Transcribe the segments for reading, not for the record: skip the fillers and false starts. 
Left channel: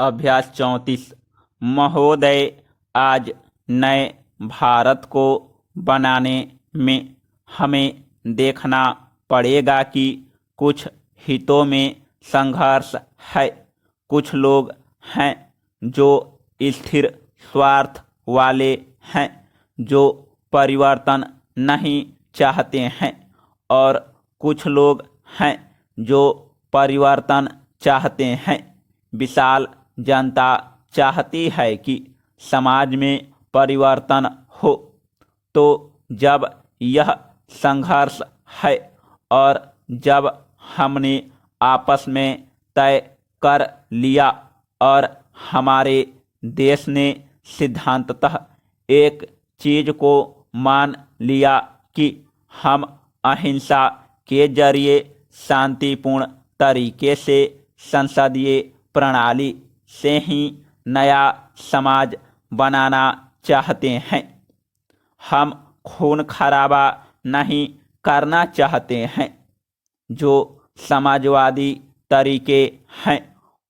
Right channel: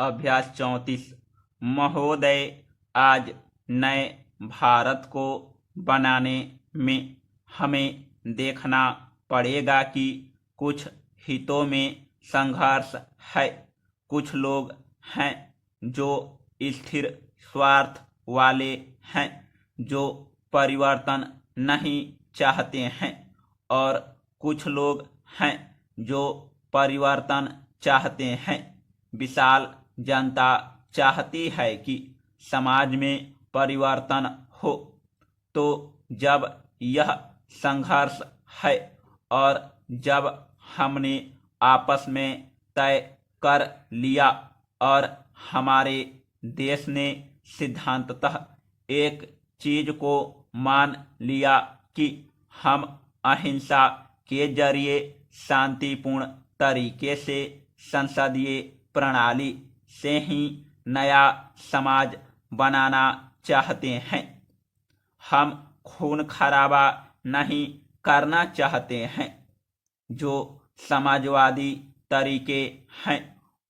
अभ्यास 34। महोदय, आज नए भारत को बनाने में हमें देखना पड़ेगा कि कुछ हितों में संघर्ष है। कुछ लोग हैं जो स्थिर स्वार्थ वाले हैं, जो परिवर्तन नहीं चाहते हैं, और कुछ लोग हैं जो परिवर्तन चाहते हैं। विशाल जनता चाहती है कि समाज में परिवर्तन हो। तो जब यह संघर्ष है और जब हमने आपस में तय कर लिया और हमारे देश ने सिद्धांततः एक चीज को मान लिया कि हम अहिंसा के जरिए शांतिपूर्ण तरीके से संसदीय प्रणाली से ही नया समाज बनाना चाहते हैं, हम खून खराबा नहीं करना चाहते हैं। जो समाजवादी तरीके हैं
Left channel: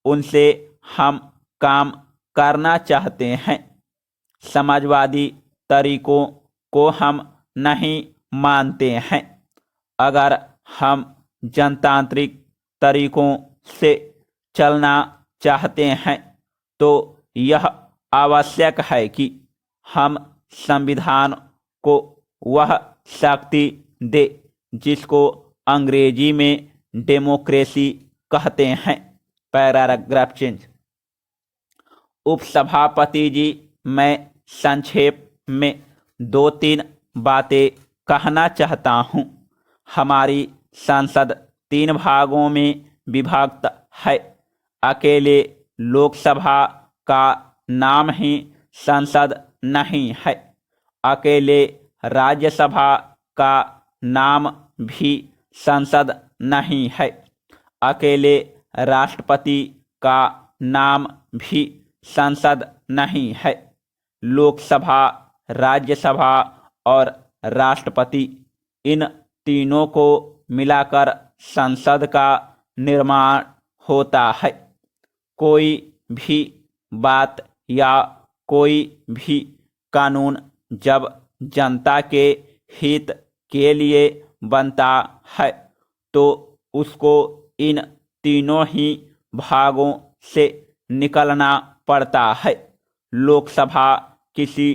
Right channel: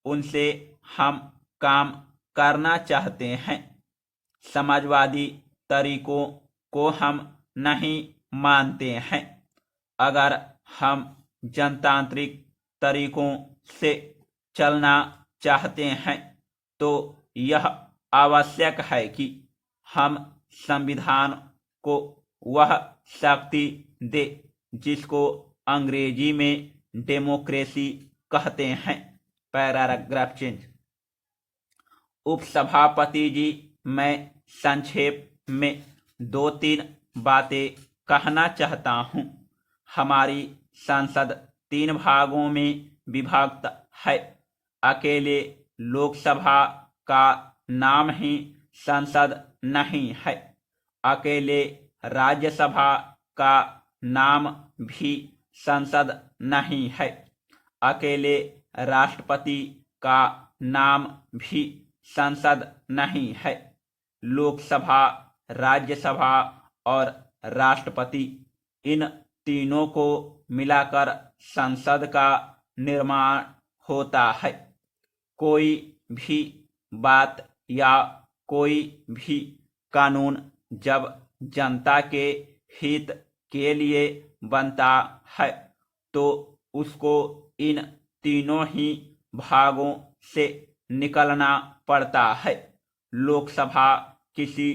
उनसे हम काम करना चाहते हैं। समाजवादी तरीकों को हम नहीं मानते हैं। अगर हम जनतांत्रिक तरीकों से चलना चाहते हैं तो यह आवश्यक है कि हम संविधान को वह शक्ति दे जिसको अंग्रेजी में डेमोक्रेसी कहते हैं। Paragraph change. उपसभापति जी, मैं संक्षेप में 2-3 बातें कहना चाहता हूँ। हमारी संसद 3 भागों में विभक्त है। अकेले लोकसभा का नाम ही संसद नहीं है। अकेले राज्यसभा का नाम भी संसद नहीं है। अकेले राष्ट्रपति का नाम भी संसद नहीं है। लोकसभा, राज्यसभा और राष्ट्रपति, इन तीनों को मिलाकर संसद का निर्माण होता है। कोई भी बात या कोई भी कानून जब जनता के हित के लिए बनता है तो उसको इन तीनों ही भागों से निकलना पड़ता है। लोकसभा किसी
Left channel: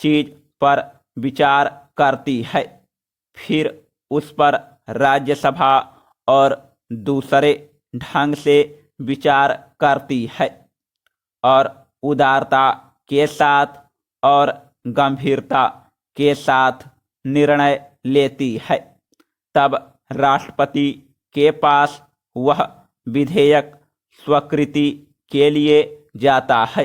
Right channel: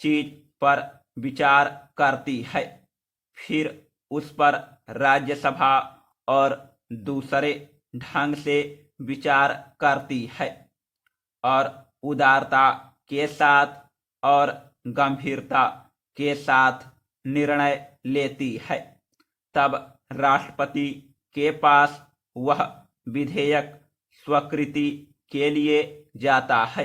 चीज पर विचार करती है, फिर उस पर राज्यसभा और दूसरे ढंग से विचार करती है और उदारता के साथ और गंभीरता के साथ निर्णय लेती है। तब राष्ट्रपति के पास वह विधेयक स्वीकृति के लिए जाता है।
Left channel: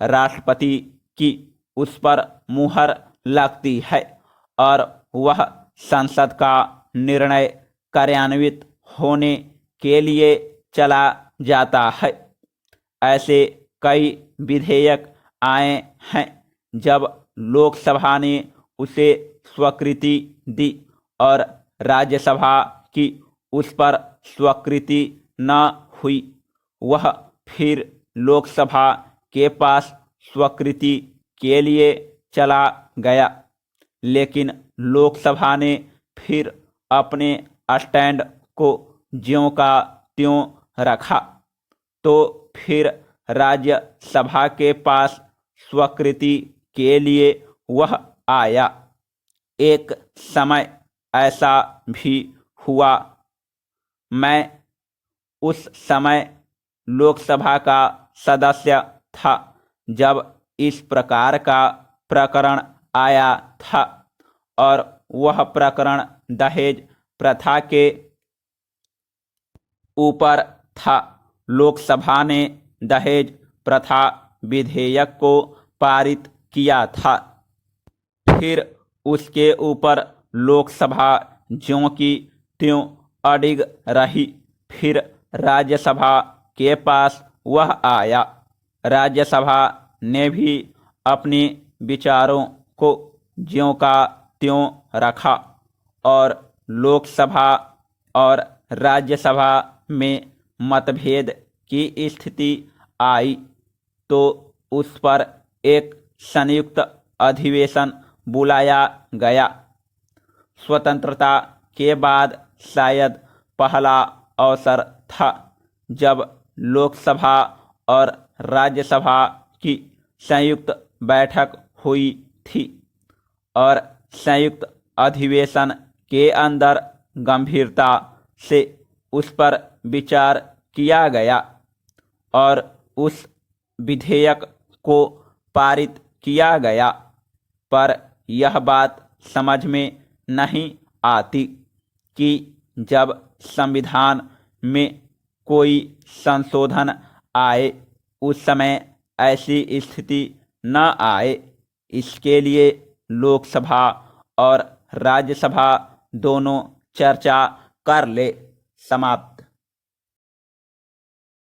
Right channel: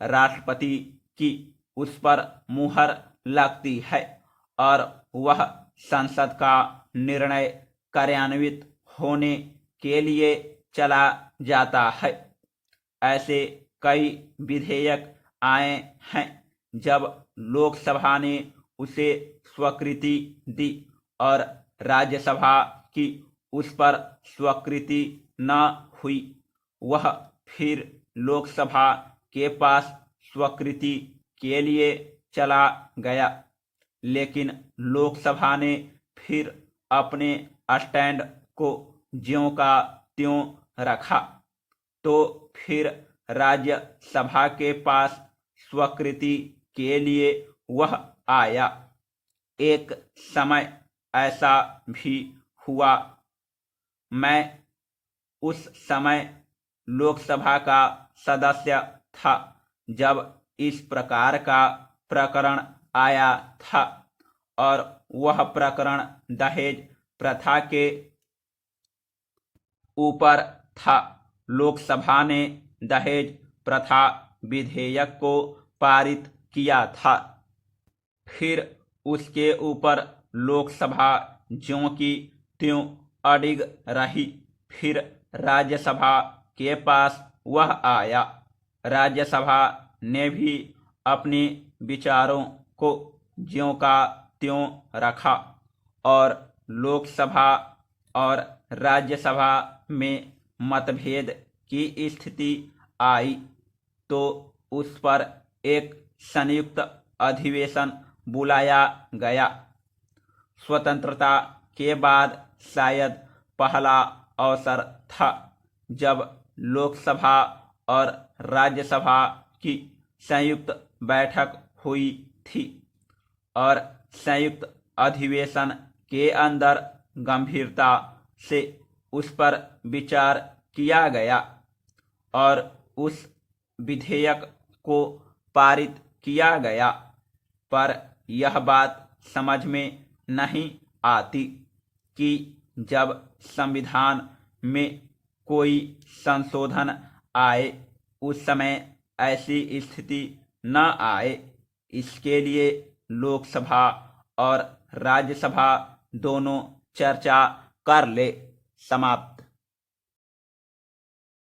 राष्ट्रपति की उस पर मुहर लगती है और वह संसद का निर्णय कार्यान्वित होने के लिए चला जाता है। ऐसे कई विधेयक आए हैं जब लोकसभा ने उसे स्वीकृति दी और राज्यसभा की उस पर स्वीकृति न हुई। वह फिर लोकसभा के पास स्वीकृति के लिए चला गया, लेकिन लोकसभा ने फिर अपने स्टैंड को ज्यों का त्यों रखा। तो फिर राज्यसभा के पास स्वीकृति के लिए वह आया। एक समय ऐसा भी हुआ, मैं उस समय लोकसभा का सदस्य था जब इस प्रकार का प्रकरण आया था, और वह प्रकरण दहेज प्रथा के ऊपर था। लोकसभा ने दहेज प्रथा विधेयक को पारित किया था। फिर उसके ऊपर लोकसभा ज्यों की त्यों अडिग रही। फिर राज्यसभा के पास वह आया। राज्यसभा ने भी अपने विचारों को ज्यों का त्यों रखा और लोकसभा और राज्यसभा में मतभेद की स्थिति आई तो उस पर एक संयुक्त अधिवेशन बुलाया गया। स्वतंत्रता के बाद शायद पहला अवसर था जब लोकसभा और राज्यसभा की संयुक्त बैठक हुई थी और संयुक्त अधिवेशन के अंदर गंभीरता से उस पर विचार किया गया और उस विधेयक को पारित किया गया। पर यह बात समझ में नहीं आती कि जब संविधान में कोई संशोधन आए उस समय ऐसी स्थिति न आए। इसके लिए लोकसभा और राज्यसभा दोनों चर्चा कर ले। समाप्त।